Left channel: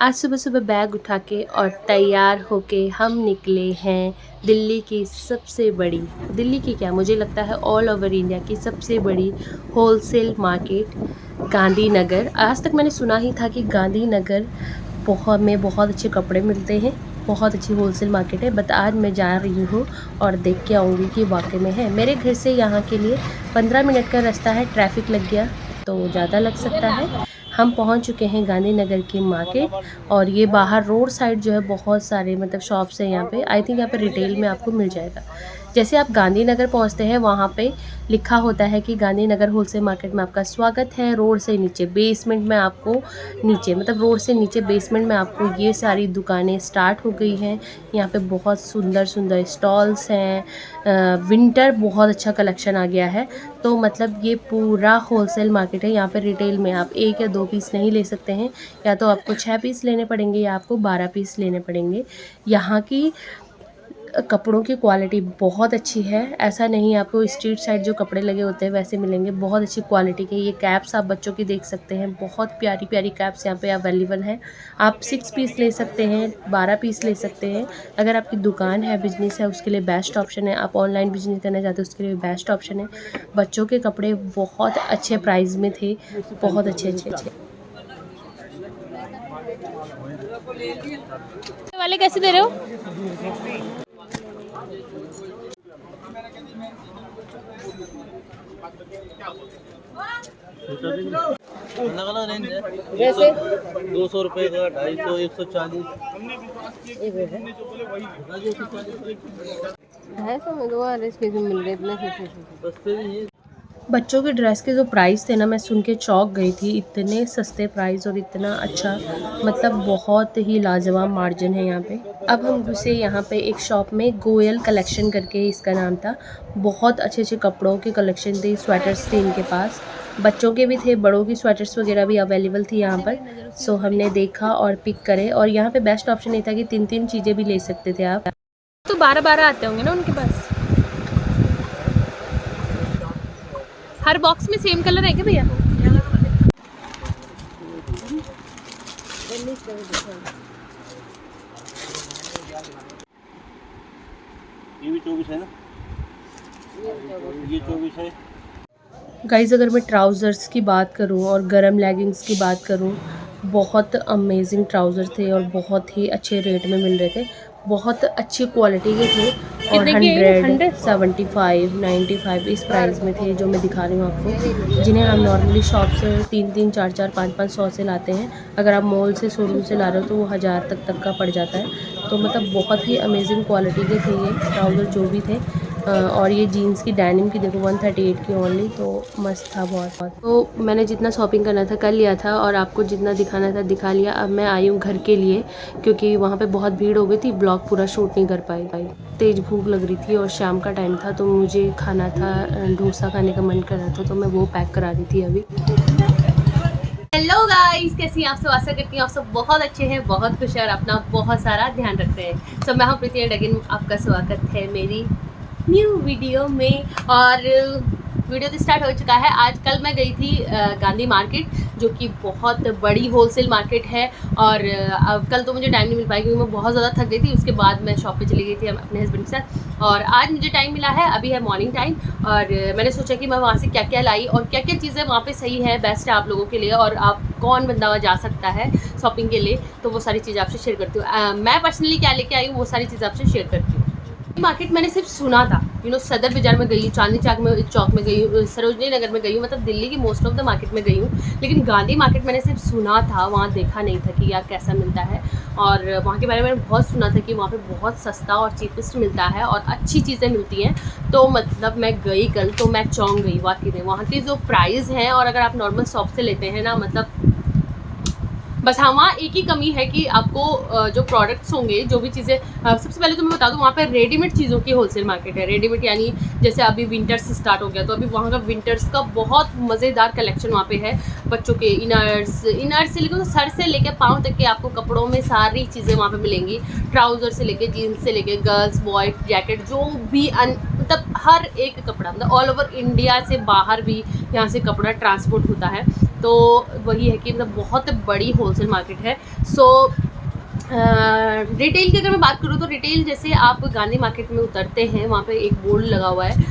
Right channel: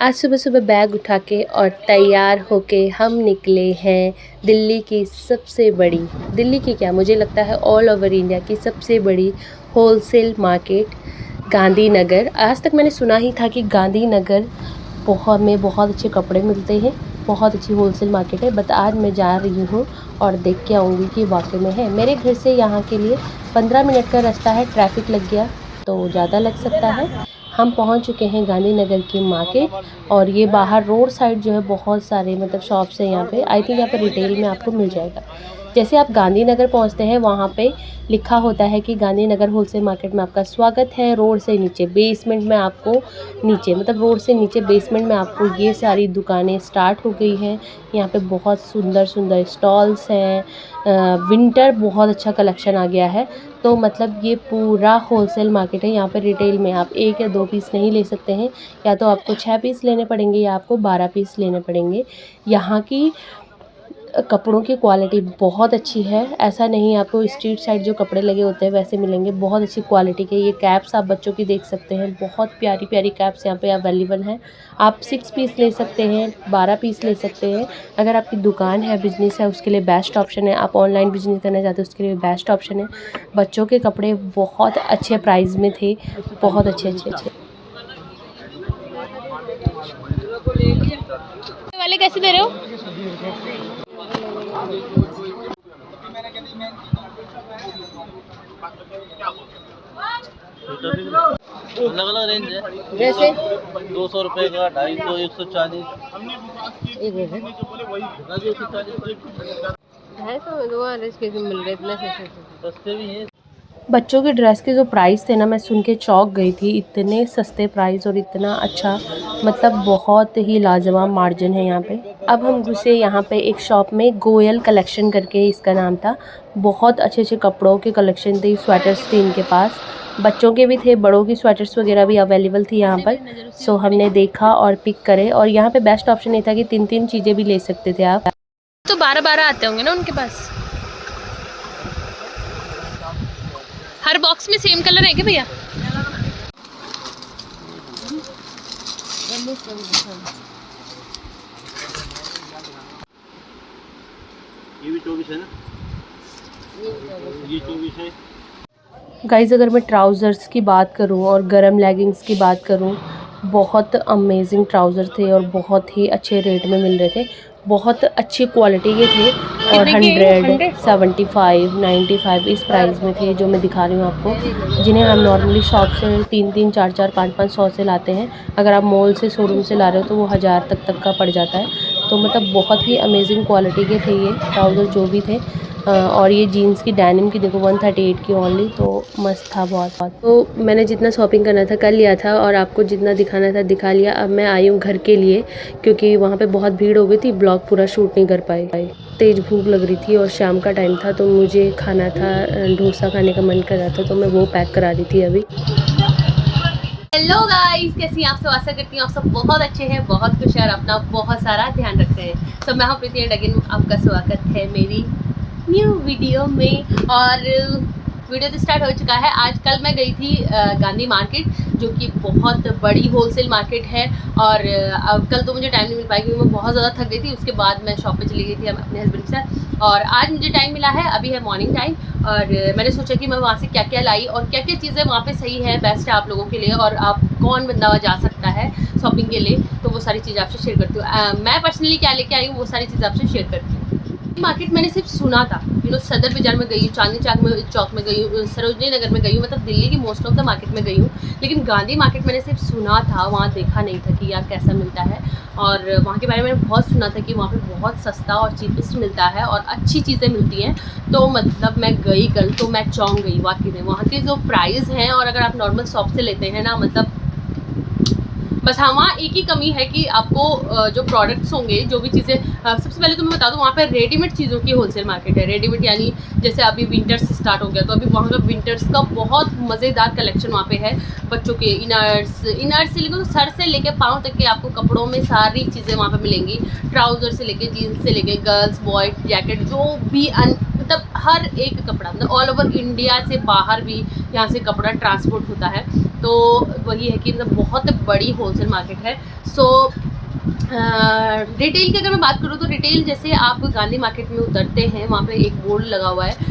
आज सुबह सुबह बैग उठा के और तैयार होके हम निकले हैं दिल्ली की सबसे बड़ी, दिल्ली की क्या मुझे लगता है ऑल ओवर इंडिया की सबसे बड़ी होलसेल मार्केट गांधीनगर। आज तक मैंने सुना ही था कि गांधीनगर बहुत अच्छे कपड़े मिलते हैं, बहुत अच्छी होलसेल मार्केट है। बट आज मैं जा रही हूँ और देख के आऊँगी कि वाकई में है। मेरे घर से यहाँ के लिए 15 मिनट का रास्ता है, ट्रैफिक लग गया तो ज़्यादा लग सकता है। हम पहुँच चुके हैं गांधीनगर की मार्केट और ये बाहर रोड साइड जो है बहुत सारे मतलब शॉप्स हैं यहाँ पे। आई थिंक यहाँ पे रिटेल में आपको मिल जाएगा। जैसे आप गांधीनगर पहुँचते हैं वहाँ पे लिखा होता है कि गांधीनगर होलसेल मार्केट में आपका स्वागत है। रोड से नीचे बेसमेंट में आपको नीचे मतलब रोड से नीचे बेसमेंट में आपको ये सारी दुकानें स्टार्ट हो गई हैं। यहाँ पे बहुत सुंदर सुंदर स्टॉल्स हैं। विंटर बहुत अच्छा कलेक्शन आ गया है। तो मतलब ये पूरा होलसेल मार्केट है। यहाँ पे रिटेल में आप 1 या 2 पीस नहीं ले सकते हैं, या तो आपको 6 पीस लेने पड़ेंगे या आपको 12 पीस लेने पड़ेंगे। यहाँ की कपड़ों की क्वालिटी बहुत अच्छी है। ऐसा नहीं आपको स्ट्रीट साइड जो कपड़े लगे होते हैं वैसे मिलेंगे, बहुत अच्छी क्वालिटी के। ये कैप्स आप बच्चों की देख सकते हैं, बहुत प्यारी प्यारी कैप्स यहाँ पे अवेलेबल हैं। आप 6 पीस ले सकते हैं, 12 पीस ले सकते हैं। अगर आपकी दुकान है, बिजनेस है, उसके लिए बेस्ट ऑप्शन है। आप ऑनलाइन बिजनेस करना चाहते हो उसके लिए बेस्ट ऑप्शन है। बच्चों के कपड़े बहुत अच्छे प्राइस में थे, बहुत अच्छे वाले कैसे दे रहे हो? अलग अलग रेंज है, जैसे 200 रुपये का, 250, 140। 250 में 2 इसके मिल रहे इतने सस्ते भी हैं। बच्चों के ड्रेस के जो प्राइस थे ना, मैं सुन के चौंक गई थी। इतने सस्ते प्राइस और इतना अच्छा, मतलब बहुत ही लाजवाब मार्जिन है यहाँ पे। अब हम घुसे यहाँ पे एक शॉप में, गोयल कलेक्शन करके इसका नाम था। बहुत अच्छे अच्छे कपड़ों के कलेक्शन थे, स्वेटर्स थे इनके पास, बच्चों के भी थे, बड़ों की स्वेटर्स वगैरह भी अवेलेबल थी यहाँ पर। सो हमने देखा और पिक करे, और यहाँ पे बेस्ट ऑप्शन ये था कि 3 चीज़ें भी ले सकते थे आप। तो 12 आते होंगे ना उनके पास। हर बॉक्स में सेम कलर है क्या भैया? ये भी 24 है ना, ये 24 है। गाइज़ अगर मैं ट्राउज़र्स की बात करूं और गरम लेगिंग्स की बात करूं, बहुत अमेजिंग ट्राउज़र थे और बहुत ही अच्छे रेट में मिल रहे थे। बहुत अच्छी क्वालिटी के थे और 100, 75, 95 इस प्राइस में थे जो मैं दिखा रही हूँ आपको, जिन्हें हम नॉर्मली शॉप से 3 4 4 5 5 100 से लाते हैं। अगर आप मॉल से, शोरूम से ला रहे हो तो वो 1000 तक का पड़ जाता है। तो मतलब बहुत ही अमेजिंग क्वालिटी के थे ये ट्राउज़र जो भी थे। और ये जीन्स की डेनिम की देखो 138 की ओनली, तो मस्त था बहुत। तो मैंने जितना शॉपिंग करना था कर लिया था और आपको जितना दिखाना था दिखा लिया। अब मैं आई हूँ घर के लिए, क्योंकि वहाँ पे बहुत भीड़ हो गई थी, ब्लॉग पूरा शूट नहीं कर पाई। तेज़ भूख लग रही थी और शाम का टाइम था, तो मुझे खाना था, डोसा खाने का मन कर रहा था, तो मैं वो पैक करा रही थी अभी। हेलो गाइस, कैसी आप सब? आशा करती हूँ आप सब बहुत अच्छे हैं, बहुत खुश हैं और अपना बहुत सारा ध्यान रखते हैं। सब मैं हूँ प्रीति एंड अगेन आपका स्वागत है मेरी न्यू वीडियो में। और वीडियो तो स्टार्ट हो चुका है। आज कल मैं गई थी गांधी मार्केट, जो कि बहुत बड़ी होलसेल मार्केट है। और कल तो मुझे टाइम नहीं मिल पाया क्योंकि मैं बहुत ज़्यादा थक गई थी। उसके बाद मैं शॉप पे चली गई थी अपने हस्बैंड के साथ, और आज मुझे टाइम मिला है, अभी है मॉर्निंग टाइम। और मैंने सोचा कि मैं वहाँ से क्या क्या लाई और क्या क्या चीज़ें वहाँ पे सही है, बेस्ट है आप लोगों के लिए, और आप कौन बंदा जा सकता है शॉपिंग के लिए, तो वो सारी चीज़ें आपसे शेयर करती हूँ। मैं पर्सनली क्या लेके आई हूँ वो सारी चीज़ें आपसे शेयर करती हूँ। मार्केट मैंने सिर्फ सुना था, सदर बाजार में गई हूँ, चांदनी चौक में गई हूँ, सरोजनी नगर में गई हूँ, मतलब दिल्ली की मोस्ट ऑफ द मार्केट में गई हूँ। लेकिन गांधी मार्केट मैंने सिर्फ सुना था, वहाँ देखा नहीं था कि यार कैसा मिलता है। और वहाँ के बारे में मैंने बहुत सुना था कि वहाँ पे बहुत सस्ता और चीपेस्ट मिलता है और अच्छी चीज़ें मिलती हैं। तो मतलब मैं गई कल, तो मैं चौंक गई वाकई में। वहाँ के जो प्राइस हैं, और अगर आप नॉर्मल शॉप से लेते हैं ना, मतलब बस हाँ, वहाँ एक ही कमी है कि आपको जो प्रोडक्ट्स होंगे, जो भी चीज़ें, सबसे पहले तो मैं बता दूँ, वहाँ पर रेडीमेड चीज़ों की होलसेल मार्केट है। रेडीमेड यानी जैसे अभी विंटर्स स्टार्ट हो गया, तो अभी वहाँ का विंटर्स का बहुत मज़ेदार कलेक्शन वहाँ पे है। बच्चों के इनर्स से लेकर, तो सर से लेकर पाँव तक के आपको कपड़ों में सारी चीज़ें वहाँ पर मिलेंगी। ट्राउज़र से लेके, जीन्स से लेके, गर्ल्स बॉय जैकेट, जो भी मतलब हर एक कपड़ा, मतलब ऑल ओवर इंडिया से बाहर भी यहाँ से कपड़ा ट्रांसपोर्ट होता है। तो वही है कि मतलब बहुत बड़ी होलसेल मार्केट है। सो रिटेल की अगर मैं बात करूँ तो रिटेल जैसे आप गांधी मार्केट में उतरते हैं, वहाँ पे एक बोर्ड लगा हुआ है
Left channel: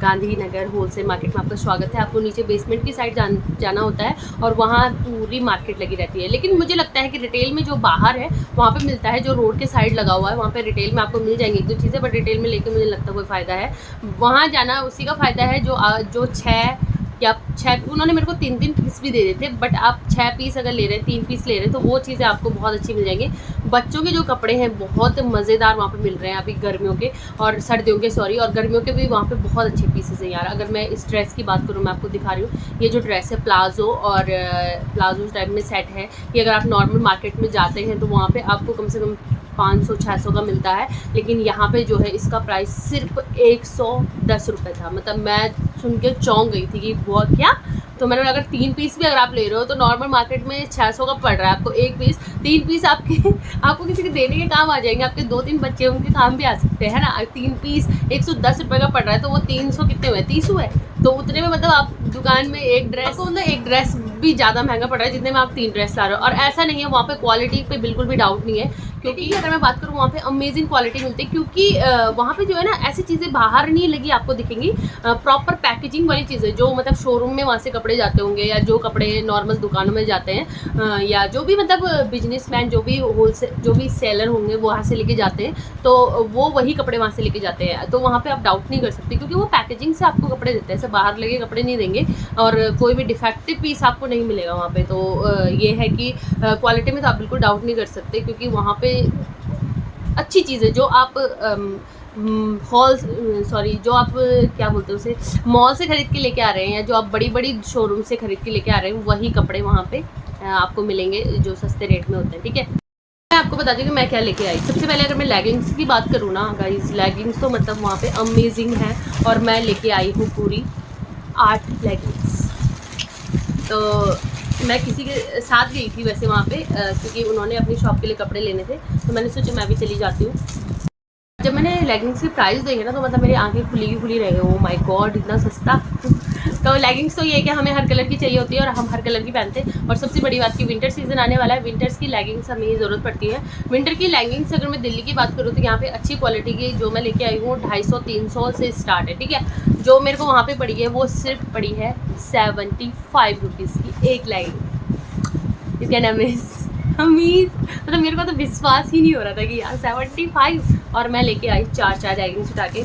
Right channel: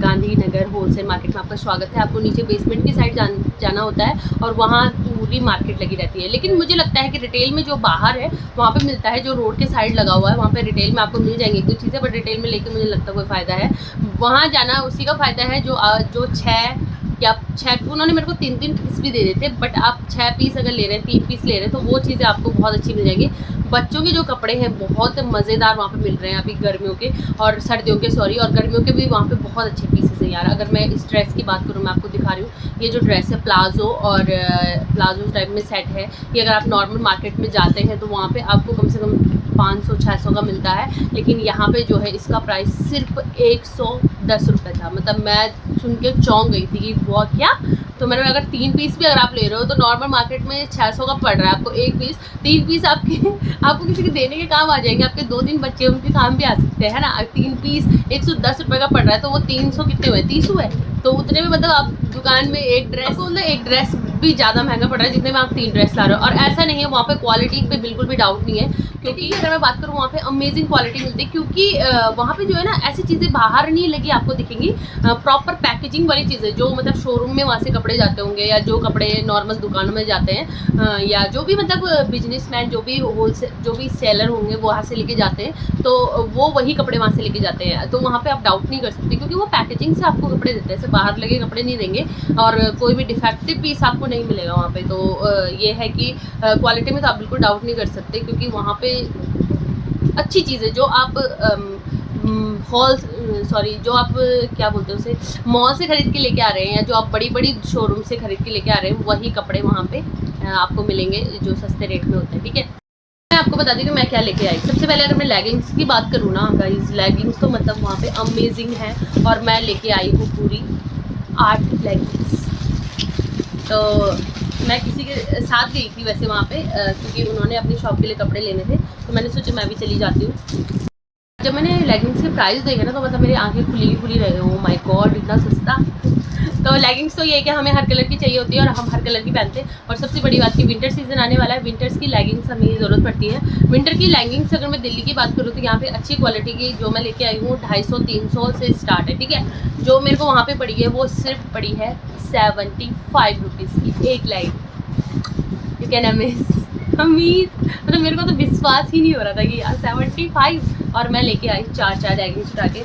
गांधीनगर होलसेल मार्केट में आपका स्वागत है। आपको नीचे बेसमेंट की साइड जाना होता है और वहाँ पूरी मार्केट लगी रहती है। लेकिन मुझे लगता है कि रिटेल में जो बाहर है वहाँ पे मिलता है, जो रोड के साइड लगा हुआ है वहाँ पे रिटेल में आपको मिल जाएंगी एक दो चीज़ें, बट रिटेल में लेके मुझे लगता कोई फ़ायदा है। वहाँ जाना उसी का फ़ायदा है जो 6 उन्होंने मेरे को 3 पीस भी दे देते, बट आप 6 पीस अगर ले रहे हैं, 3 पीस ले रहे हैं, तो वो चीज़ें आपको बहुत अच्छी मिल जाएंगी। बच्चों के जो कपड़े हैं बहुत मज़ेदार वहाँ पे मिल रहे हैं अभी गर्मियों के और सर्दियों के और गर्मियों के भी वहाँ पे बहुत अच्छे पीसेस हैं यार। अगर मैं इस ड्रेस की बात करूँ, मैं आपको दिखा रही हूँ, ये जो ड्रेस है प्लाजो और प्लाजो टाइप में सेट है। ये अगर आप नॉर्मल मार्केट में जाते हैं तो वहाँ पे आपको कम से कम 500-600 का मिलता है, लेकिन यहाँ पे जो है इसका प्राइस सिर्फ 110 रुपये था। मतलब मैं सुन के चौंक गई थी कि वो क्या। तो मैंने अगर 3 पीस भी अगर आप ले रहे हो तो नॉर्मल मार्केट में 600 का पड़ रहा है आपको एक पीस। 3 पीस आपको किसी के देने के काम आ जाएंगे, आपके 2-3 बच्चे उनके काम भी आ सकते हैं ना। 3 पीस 110 रुपये का पड़ रहा है, तो वो 300 कितने हुए, 30 हुए। तो उतने में मतलब आप दुकान में एक ड्रेस भी ज़्यादा महंगा पड़ रहा है जितने में आप 3 ड्रेस ला रहे हो। और ऐसा नहीं है, वहाँ पे क्वालिटी पे बिल्कुल भी डाउट नहीं है, क्योंकि अगर मैं बात करूँ वहाँ पे अमेजिंग क्वालिटी मिलती है। क्योंकि वहाँ पे जो है ना ऐसी चीज़ें बाहर नहीं लगी आपको दिखेंगी, प्रॉपर पैकेजिंग वाली चीज़ें जो मतलब शोरूम में वहाँ से कपड़े जाते होंगे, या जो कपड़े नॉर्मल दुकानों में जाते हैं, या जो भी मतलब बिजनेसमैन जो भी सेलर होंगे वहाँ से लेके जाते हैं, तो वो वही कपड़े वहाँ से लेके जाते हैं। तो वहाँ पे आप डाउट नहीं कर सकते, क्योंकि वो पैकेजिंग से आपको कपड़े देते हैं, ऐसे बाहर लगे कपड़े नहीं देंगे और कोई भी डिफेक्टिव पीस आपको नहीं मिलेगा वहाँ पे। तो ये है कि क्वालिटी में तो आप बिल्कुल डाउट नहीं कर सकते, क्योंकि वहाँ पे अच्छी चीज़ है। जो आप जो आप क्या बोलते हैं उसे, मॉल से खरीद के लेके आ रहे हैं, या जो आप बड़ी बड़ी शोरूम से खरीद के लेके आ रहे हैं, वही कपड़े वहाँ पे आपको मिलेंगे जो सस्ते रेट में होते हैं। ठीक है, मैं आपको बता दी कि मैं क्या लेके आई। सबसे पहले अगर मैं लेगिंग्स की बात करूँ ना गाइस, लेगिंग्स तो मतलब वहाँ पे अमेजिंग है, और मैं लेके आई हूँ पूरी 8 लेगिंग्स। तो मैं किसी के साथ गई थी वैसे वहाँ पे, क्योंकि उन्होंने अपनी शॉप के लिए कपड़े लेने थे, तो मैंने सोचा मैं भी चली जाती हूँ। जब मैंने लेगिंग्स के प्राइस देखे ना, तो मतलब मेरी आंखें खुली रह गई। ओ माय गॉड, इतना सस्ता। तो लेगिंग्स तो ये है कि हमें हर कलर की चाहिए होती है और हम हर कलर की पहनते हैं। और सबसे बड़ी बात कि विंटर सीजन आने वाला है, विंटर्स की लेगिंग्स हमें ज़रूरत पड़ती है। विंटर की लेगिंग्स अगर मैं दिल्ली की बात करूँ तो यहाँ पे अच्छी क्वालिटी की जो मैं लेके आई हूँ 250-300 से स्टार्ट है। ठीक है, जो मेरे को वहाँ पे पड़ी है वो सिर्फ पड़ी है 75 रुपीज़ की एक लेगिंग। यू कैन मतलब मेरे को तो विश्वास ही नहीं हो रहा था कि यार 75। और मैं लेके आई 4 लेगिंग्स उठा के।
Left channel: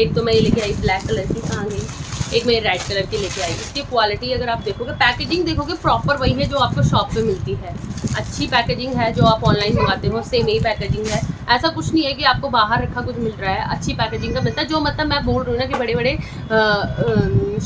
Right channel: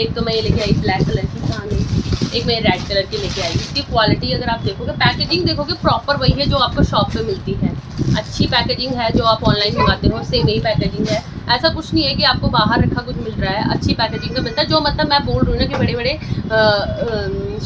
एक तो मैं ये लेके आई ब्लैक कलर की, कहाँ गई, एक मैं रेड कलर की लेके आई। इसकी क्वालिटी अगर आप देखोगे, पैकेजिंग देखोगे, प्रॉपर वही है जो आपको शॉप पे मिलती है। अच्छी पैकेजिंग है, जो आप ऑनलाइन मंगाते हो सेम यही पैकेजिंग है। ऐसा कुछ नहीं है कि आपको बाहर रखा कुछ मिल रहा है, अच्छी पैकेजिंग का मिलता है। जो मतलब मैं बोल रही हूँ ना कि बड़े बड़े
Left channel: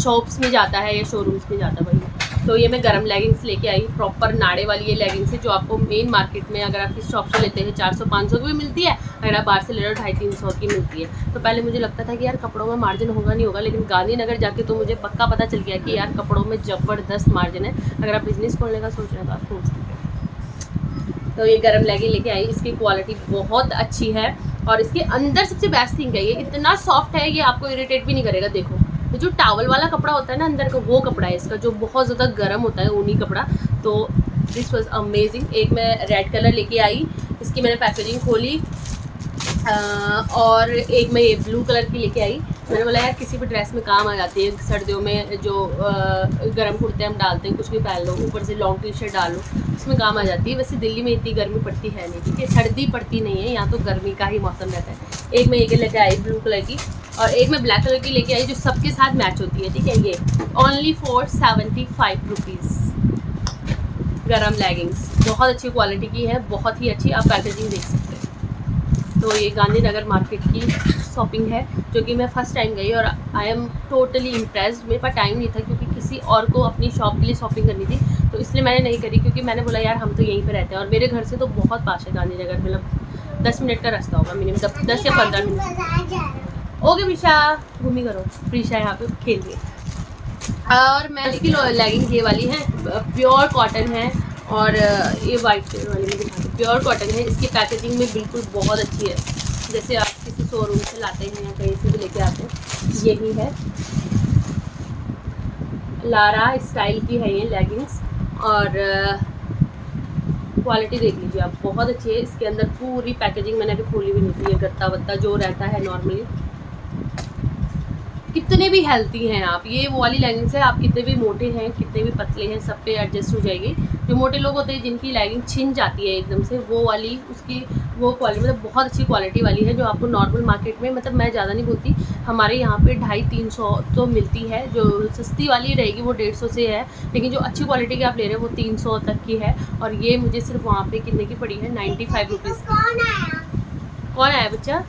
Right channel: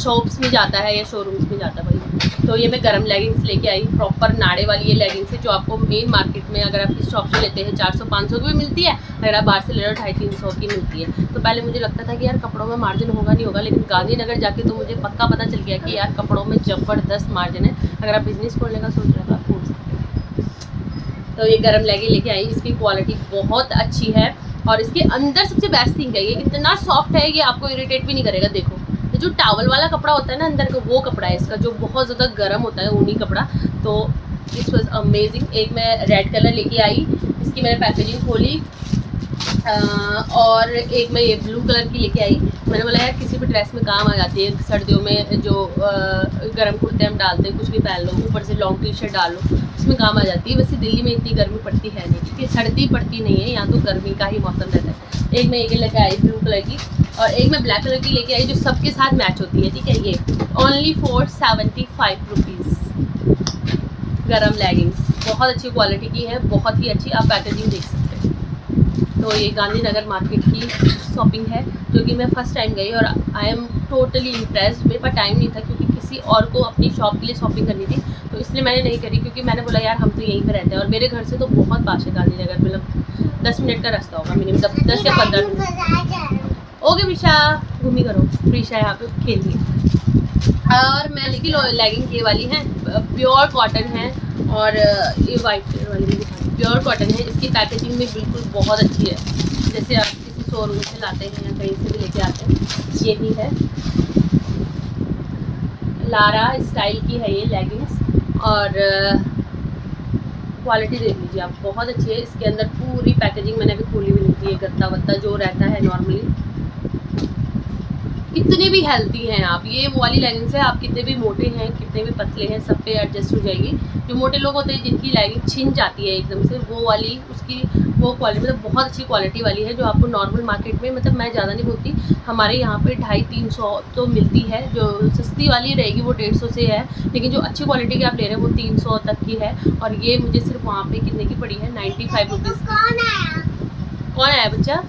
शॉप्स में जाता है या शोरूम्स में जाता है वही। तो ये मैं गरम लेगिंग्स लेके आई, प्रॉपर नाड़े वाली ये लेगिंग्स है, जो आपको मेन मार्केट में अगर आप किस शॉप से लेते हैं 400-500 की भी मिलती है, अगर आप बाहर से ले रहे हो 250-300 की मिलती है। तो पहले मुझे लगता था कि यार कपड़ों में मार्जिन होगा नहीं होगा, लेकिन गांधीनगर जाके तो मुझे पक्का पता चल गया कि यार कपड़ों में ज़बरदस्त मार्जिन है। अगर आप बिजनेस खोलने का सोच रहे हो तो आप खोल सकते हो। तो ये गरम लेगिंग लेके आई, इसकी क्वालिटी बहुत अच्छी है, और इसके अंदर सबसे बेस्ट थिंग है, ये इतना सॉफ्ट है, ये आपको इरिटेट भी नहीं करेगा। देखो, तो जो टावल वाला कपड़ा होता है ना अंदर का, वो कपड़ा है इसका, जो बहुत ज़्यादा गर्म होता है ऊनी कपड़ा। तो दिस वॉज अमेजिंग। एक मैं रेड कलर लेके आई, इसकी मैंने पैकेजिंग खोली, और एक मैं ये ब्लू कलर की लेके आई। मैंने बोला यार किसी भी ड्रेस में काम आ जाती है, सर्दियों में जो गर्म कुर्ते हम डालते हैं, कुछ भी पहन लो, ऊपर से लॉन्ग टी शर्ट डाल लो, उसमें काम आ जाती है। वैसे दिल्ली में इतनी गर्मी पड़ती है नहीं, ठीक है, सर्दी पड़ती नहीं है, यहाँ तो गर्मी का ही मौसम रहता है। एक मैं ये लेके आई ब्लू कलर की, और एक मैं ब्लैक कलर की लेके आई, जो सबके साथ मैच होती है। ठीक है, ये ओनली फॉर 75 रुपीज़ गरम लेगिंग्स, बहुत अच्छी क्वालिटी की है, बहुत ही अच्छी। आप पैकेजिंग देख सकते हैं। तो ये गांधीनगर मार्केट की शॉपिंग है, जो कि मैं फ़र्स्ट टाइम गई, और आई एम टोटली इम्प्रेस्ड। मेरे पास टाइम नहीं था, क्योंकि किसी और को अपनी शॉप के लिए शॉपिंग करनी थी, तो इसलिए मैंने नहीं करी, क्योंकि मैंने बोला यार हम तो यहीं पे रहते हैं, और मेरे घर से तो बहुत पास है गांधीनगर, मतलब 10 मिनट का रास्ता होगा मिनिमम, 10 या 15 मिनट। ओके प्रीशा, घूमी करो, प्रीशा यहाँ पे खेल रही है। और मैं लेकिन लेगिंग ये वाली है, प्योर कॉटन है, और ये वाइट कलर वाली भी दिखा रही, प्योर कॉटन है। इसकी पैकेजिंग भी बिल्कुल बहुत अच्छी है, जैसे आप किसी शोरूम से लाते हैं या कहीं से भी लेके आते हैं, यही है। लारा स्टाइल की है ये लेगिंग्स, और क्वालिटी देख लीजिए आप, बहुत अच्छी है। इसके अंदर पूरी पैकेजिंग मैंने अभी खोली भी नहीं थी, ये गत्ता वत्ता जो रहता है नॉर्मली। कितने भी हेल्दी हैं आप, ये वो वाली लेगिंग्स है, आप कितने भी मोटे हैं कितने भी पतले हैं सब पे एडजस्ट हो जाएगी। जो मोटे लोग होते हैं जिनकी लेगिंग छिन जाती है एकदम से, वो वाली उसकी वो क्वालिटी मतलब बहुत अच्छी क्वालिटी वाली है, जो आपको नॉर्मल मार्केट में, मतलब मैं ज़्यादा नहीं बोलती, हमारे यहाँ पे 250-300 तो मिलती है। जो सस्ती वाली रहेगी वो 150 से है, लेकिन जो अच्छी क्वालिटी की आप ले रहे हैं वो 300 तक की है। और ये मुझे सिर्फ वहाँ पे कितने की पड़ी है, 95 रुपीज़। कौन आया बच्चा?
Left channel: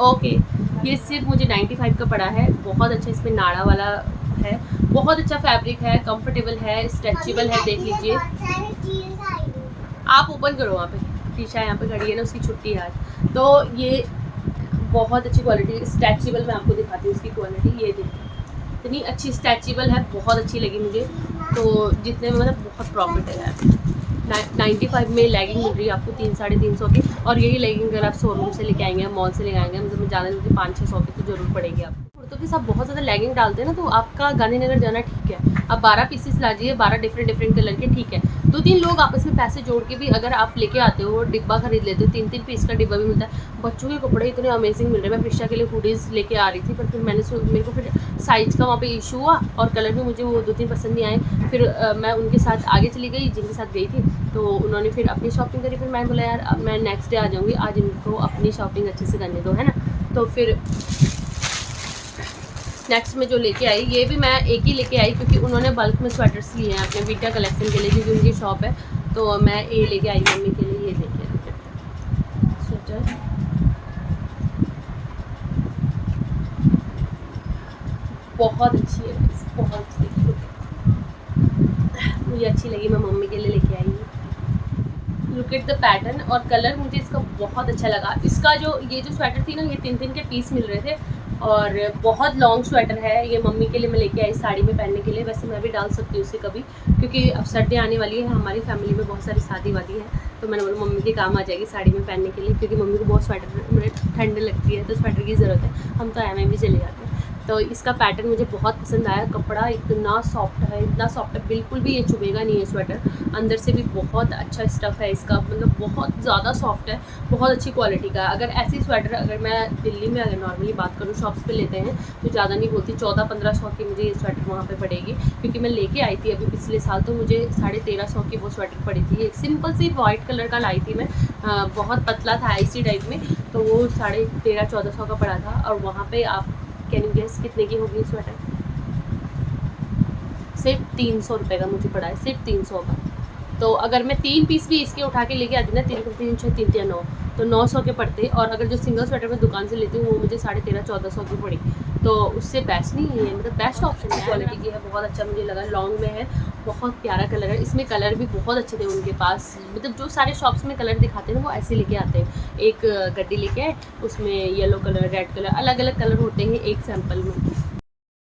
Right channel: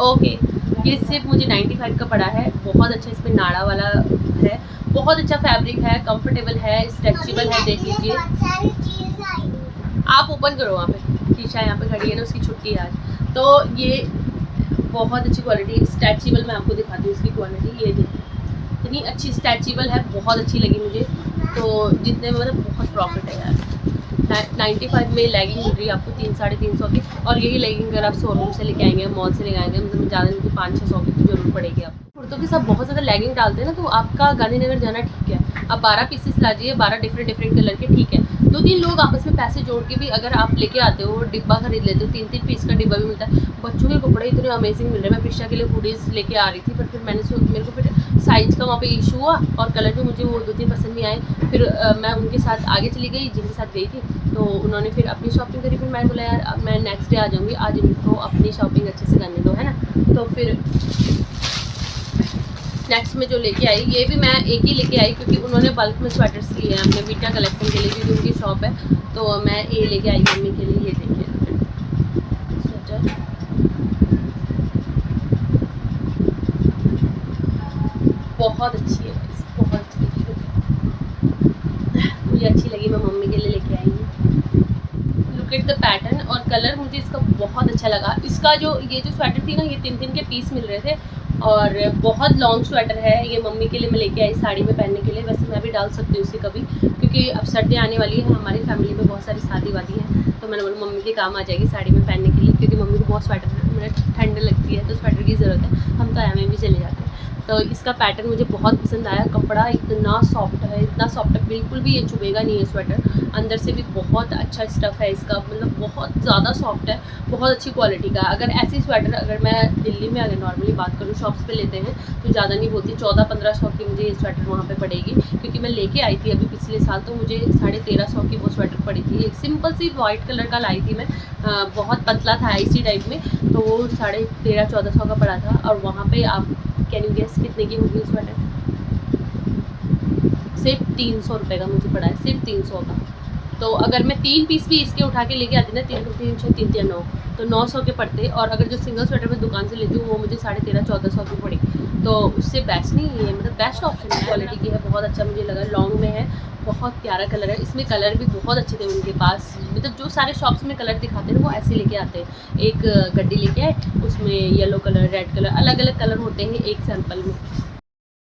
ओके, ये सिर्फ मुझे 95 का पड़ा है। बहुत अच्छा इसमें नाड़ा वाला है, बहुत अच्छा फैब्रिक है, कंफर्टेबल है, स्ट्रेचेबल है। देख लीजिए आप, ओपन करो वहाँ पे, शीशा यहाँ पे खड़ी है ना, उसकी छुट्टी है आज। तो ये बहुत अच्छी क्वालिटी, स्ट्रेचेबल मैं आपको दिखाती हूँ इसकी क्वालिटी। ये देखिए इतनी अच्छी स्ट्रेचेबल है, बहुत अच्छी लगी मुझे। तो जितने में मतलब बहुत प्रॉफिट है यार। 95 में लेगिंग मिल रही है आपको 300-350 की। और यही लेगिंग अगर आप शोरूम से लेके आएंगे, मॉल से लेके आएंगे, मतलब ज़्यादा नहीं 500-600 की तो जरूर पड़ेगी आपको। कुर्तों के साथ बहुत ज़्यादा लेगिंग डालते हैं ना, तो आपका गांधीनगर जाना ठीक है, आप 12 पीसेस लाजिए, 12 डिफरेंट कलर के, ठीक है। 2-3 लोग आपस में पैसे जोड़ के भी अगर आप लेके आते हो, डिब्बा खरीद लेते हो, 3-3 पीस का डिब्बा भी मिलता है। बच्चों के कपड़े इतने अमेजिंग मिल रहे हैं। मैं प्रिशा के लिए हुडीज़ लेके आ रही थी, पर फिर मेरे को फिर साइज़ का वहाँ पे इशू हुआ, और कलर भी मुझे वो 2-3 पसंद नहीं आए। फिर मैं उनके साथ आगे चली गई जिनके साथ गई थी, तो उन्होंने फिर अपनी शॉपिंग करी। फिर मैंने बोला यार अब मैं नेक्स्ट डे आ जाऊँगी, आज इनको अपनी शॉपिंग अच्छे से करने दो, है ना। तो फिर नेक्स्ट में जो लेके आई, ये भी मैं एक ही लेके आई क्योंकि उन्होंने बल्क में स्वेटर्स लिए हैं अपने वीटा कलेक्शन के लिए, क्योंकि उनकी शॉप है। तो मैं ये लेके आई मम्मी के लिए। ये देखिए स्वेटर, बहुत अच्छी है, बहुत अच्छी लगी मुझे, अच्छी लगी, मैं मम्मी के लिए लेके आई हूँ। लुक एट द पैटर्न और कलर, मुझे इसका बहुत अच्छा लगा। इसका जो ये जो स्वेटर थी ना, ये 3-3 के पीस मिल रहे थे, और बहुत लॉन्ग स्वेटर है ये। मम्मी के लिए मैं लेके आई साड़ी में पहनने के लिए। वैसे मैं भी डाल सकती हूँ इसे कभी, क्योंकि अब सर्दी आने वाली है, हमारी फैमिली में बहुत सारी शादी वादी है, तो मैंने बोला मम्मी के काम आ जाएगी साड़ी में पहनने के लिए, क्योंकि मम्मी को बहुत स्वेटर मतलब ठंड लगती है, तो स्वेटर की ज़रूरत है। हम तो में भी चले जाते हैं। तो इसका पैटर्न मुझे बहुत पसंद आया। कपड़ा इतना सॉफ्ट है, इतना सॉफ्ट है, बिल्कुल भी ये चुभेगा नहीं है स्वेटर। अंदर से भी बहुत अच्छा स्टफ़ है इसका, मतलब बहुत ज़्यादा सॉफ्ट है, बहुत अच्छी क्वालिटी का। अगर ऐसी स्वेटर अगर मैं दिल्ली में अगर नॉर्मली बात करूँ शॉप्स पे लेते हैं, तो ज़्यादा नहीं बोलती 1400-1500 की मुझे ये स्वेटर वहाँ पे पड़ेगी, क्योंकि मैं लेके आई थी अभी पिछले साल, तो मुझे 1350 की वो स्वेटर पड़ी थी। एक सिंपल सी वाइट कलर का लाई थी मैं, बहुत पतला था इसी टाइप में, तो वो 1350-1400 का पड़ा था। और वहाँ पे आप कैन यू गेस कितने की होगी स्वेटर? सिर्फ 300 रुपये का मुझे पड़ा है, सिर्फ 300 का। तो अगर मैं 3 पीस भी इसके उठा के लेके आती ना, 3-3-6-3-9 तो 900 के पड़ते। और अगर जो सिंगल स्वेटर मैं दुकान से लेती हूँ वो मुझे 1350-1400 की पड़ी। तो उससे बेस्ट नहीं है, मतलब बेस्ट ऑप्शन है, क्वालिटी की है, बहुत अच्छा मुझे लगा। लॉन्ग में है, बहुत प्यारा कलर है, इसमें कलर भी बहुत अच्छे थे उनके पास। मतलब जो सारे शॉप्स में कलर दिखाते हैं ना, वो ऐसे लेके आते हैं। एक गड्डी लेके आए, उसमें येलो कलर, रेड कलर, अलग अलग कलर होते हैं एक सैम्पल में।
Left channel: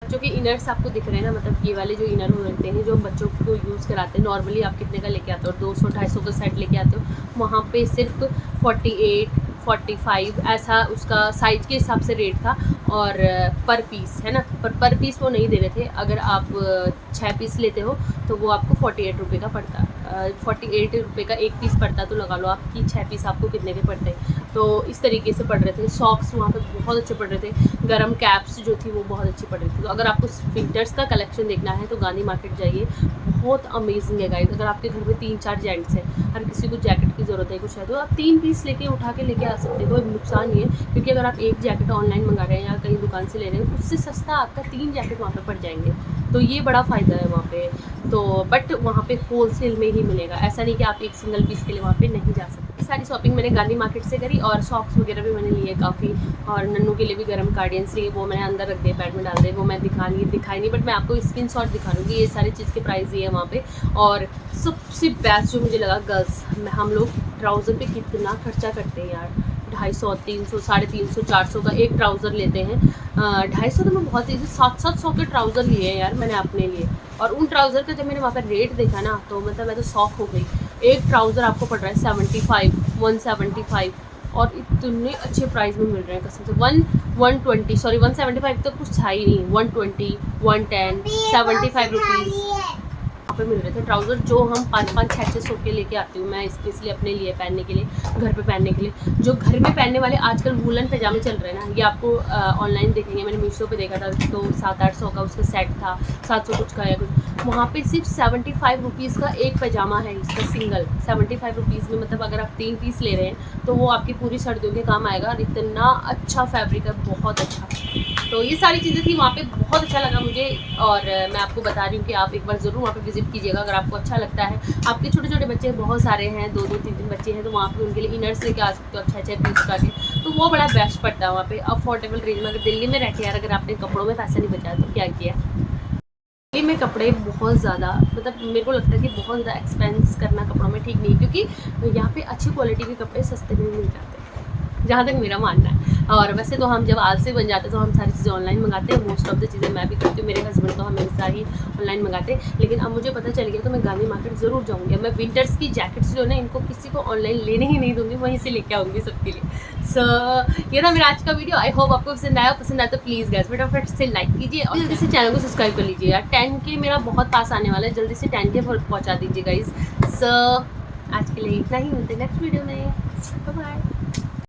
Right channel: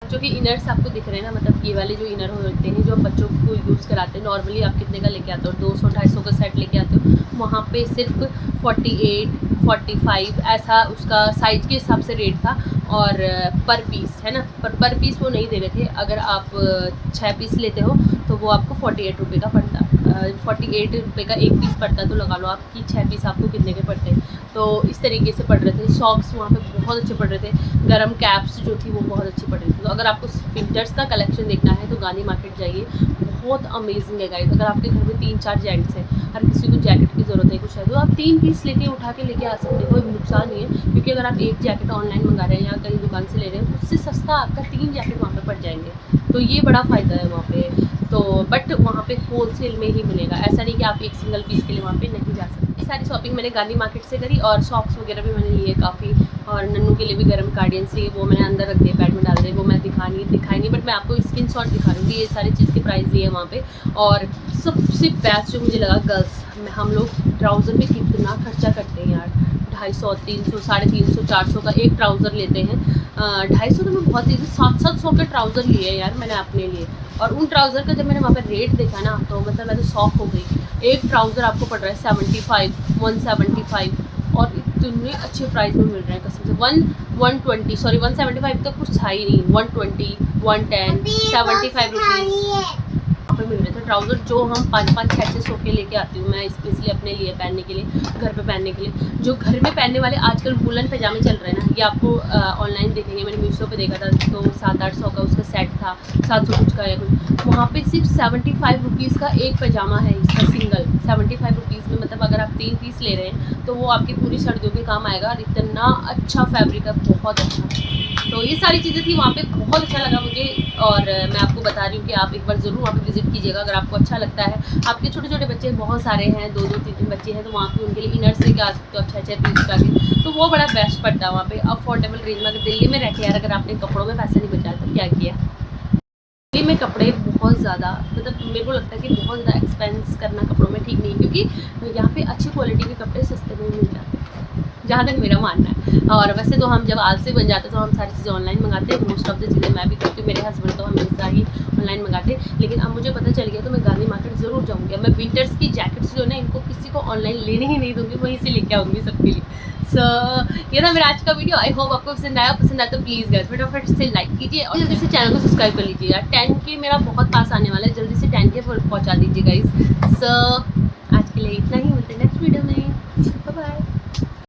जो कि इनर्स आपको दिख रहे हैं ना, मतलब ये वाले जो इनर होते हैं जो बच्चों को यूज़ कराते हैं, नॉर्मली आप कितने का लेके आते हो, 200-250 का सेट लेके आते हो, वहाँ पे सिर्फ 48-45 ऐसा उसका साइज के हिसाब से रेट था। और पर पीस है ना, पर पीस वो नहीं दे रहे थे। अगर आप 6 पीस लेते हो तो वो आपको 48 रुपये का पड़ता, 48 रुपये का एक पीस पड़ता। तो लगा लो आपकी 6 पीस आपको कितने के पड़ते हैं। तो इस तरीके से पड़ रहे थे। सॉक्स वहाँ पे बहुत अच्छे पड़ रहे थे, गरम कैप्स जो थी वो बहुत अच्छी पड़ रही थी। तो अगर आपको विंटर्स का कलेक्शन देखना है तो गांधी मार्केट जाइए, बहुत अमेजिंग है गाइस। अगर आपके घर में 3-4 जेंट्स हैं, हर किसी को जैकेट की ज़रूरत है कुछ है, तो आप 3 पीस लेके उठा के लेके आ सकते हो, कोई नुकसान नहीं है। क्योंकि अगर आप एक जैकेट ऑनलाइन मंगा रहे हैं या कहीं दुकान से ले रहे हैं, उससे सस्ता आपका 3 जैकेट वहाँ पे पड़ जाएंगे। तो ये बड़ा फ़ायदा है वहाँ पे। तो बट वहाँ पे होलसेल में ही मिलेगा, ऐसा नहीं कि आप एक सिंगल पीस के लिए वहाँ पे नहीं जा सकते। सारी शॉपिंग मैंने गांधी मार्केट से करी, और सॉक्स वगैरह भी मैंने लिए काफ़ी, और नन्नू के लिए भी गर्म कार्डियंस लिए, वो मैंने अंदर रख दिए, पैड में डाल दिए, वो मैं दिखाई नहीं, बट मैं आपको स्क्रीनशॉट दिखा दूँगी। ये सारी चीज़ के प्राइस दिए हैं वहाँ पे। और सबसे बेस्ट जो मुझे लगा, गर्ल्स में हम लोग ट्राउज़र पे कितना खर्चा करते हैं यार, 250, 300, 350, 400 का एक ट्राउज़र लेते हैं। 250 तो मैं बहुत चीज़ें 700 के ट्राउज़र लिए हैं यार मैंने अपने लिए। और उन ट्राउज़र का जब मैंने वहाँ पर रेट देखा ना, तो मतलब मैं तो शॉक हो गई। एक ट्राउज़र आपको पड़ रहा है 75, 175, और इतने अच्छे प्राइस में मिल रहे हैं कसम से। 175 तक कुछ था ही नहीं, 120, 110, 75 रुपीज़ पे मिल रहे थे ट्राउज़र, जो हम 5-5, 6-6 सौ के लेके आती हूँ मैं स्पेशली अपने लिए पहनने के लिए, घर पे पहनने के लिए। जो घर में पहनने वाले आजकल वूलन पैजामे चल रहे हैं ना, ये आपको ऑनलाइन देखेंगे, मैंने मीशो पे देखा था तो 700-800 का उसका सेट था, 700 कुछ का या कुछ। वहाँ पे सिर्फ 75 रुपीज़ का एक पैजामा है इसका सिंगल, 75 रुपीज़ में, मतलब अगर आप 3 पीस ले रहे हैं तो वो आपकी पूरी सर्दियों के काम आएगा। और इतना अच्छा फैब्रिक है, बहुत अच्छा। तो ये सारी चीज़ें थी वहाँ पे, बहुत अच्छा लगा मुझे। और मैं आपको बता रही हूँ कि आप एक बार ज़रूर वहाँ पे विजिट कीजिएगा अगर आपको अच्छा लगता है। आपके छोटे छोटे बच्चे बहुत सारे हैं, 2-2, 3-3 बच्चे हैं, तो वहाँ पे उनके लिए इनर्स लेके आ सकते हो अच्छे अच्छे पीस का के, तो वो बड़ा बेस्ट पड़ता है वहाँ पे अफोर्डेबल रेंज में। अगर दिल्ली में रह के यार अगर आपने कपड़ों में पैसा नहीं बचाया तो क्या किया। दिल्ली में कपड़े बहुत ज़्यादा, मतलब मेरे को लगता है कि बहुत ज़्यादा एक्सपेंस करना कपड़ों में ठीक नहीं, क्योंकि यहाँ पे अच्छी क्वालिटी के कपड़े सस्ते में मिल जाते हैं, जहाँ तक मेरा मानना है। और वैसे तो हम जब आलसी बन जाते हैं तो हम सारी चीज़ें ऑनलाइन मंगाते हैं, मोस्ट ऑफ द चीज़ें मैं भी करती हूँ, मेरे हस्बैंड तो हमेशा ही ऑनलाइन मंगाते हैं। लेकिन अब मुझे पता चल गया तो मैं गांधी मार्केट ज़रूर जाऊँगी। मैं विंटर्स की जैकेट्स जो है ना, इनको किसी को ऑनलाइन लेने ही नहीं दूँगी, वहीं से लेके आऊँगी सबके लिए। सो ये था मेरा आज का वीडियो। आई होप आपको पसंद आया तो प्लीज़ गाइस फटाफट से लाइक कीजिए और जल्दी से चैनल को सब्सक्राइब कर लीजिए यार। 10K मेरा बहुत पास आने वाला है, जल्दी से 10K पहुँचा दीजिए गाइस। सो आज के लिए इतना ही, मिलते हैं नेक्स्ट वीडियो में। Bye bye.